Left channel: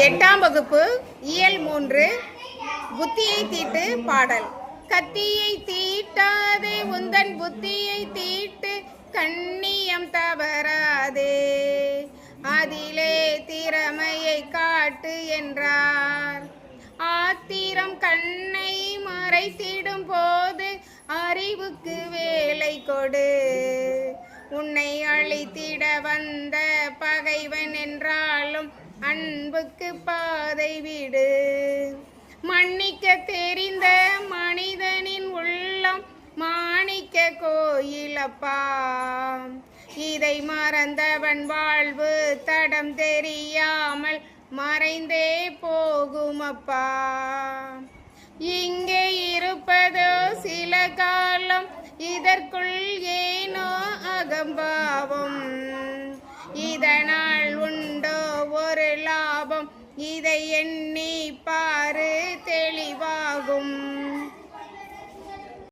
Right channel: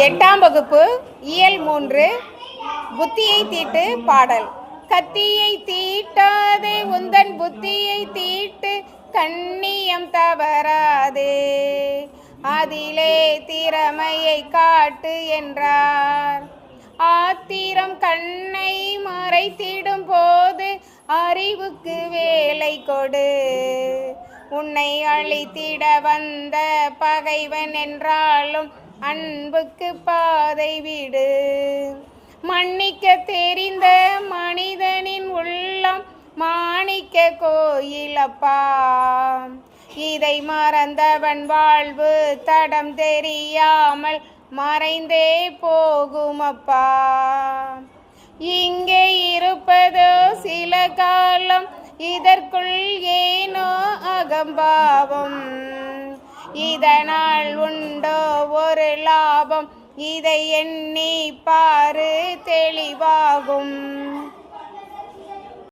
8ஆம் வகுப்பு இயல் 3 புத்தியை தீட்டு பாடல். கத்தியை தீட்டாதே உந்தன் புத்தியை தீட்டு, கண்ணியம் தவறாதே அதிலே திறமையை காட்டு என்றார். ஆத்திரம் கண்ணை மறைத்திடும் போது அறிவுக்கு வேலை கொடு. உன்னை அழித்திட வந்த பகைவன் என்றாலும் அன்புக்கு பாதை விடு. மன்னிக்க தெரிந்த மனிதனின் உள்ளம் மாணிக்க கோயிலப்பா, இதை மறந்தவன் வாழ்வு தடம் தெரியாமல் மறைந்தே போகுமப்பா. இங்கே இருப்பதோ சில காலம், இதற்குள் ஏனோ அகம்பாவம். இதனால் உண்டோ ஒரு லாபம், இதை எண்ணி பாரு தெளிவாகும்.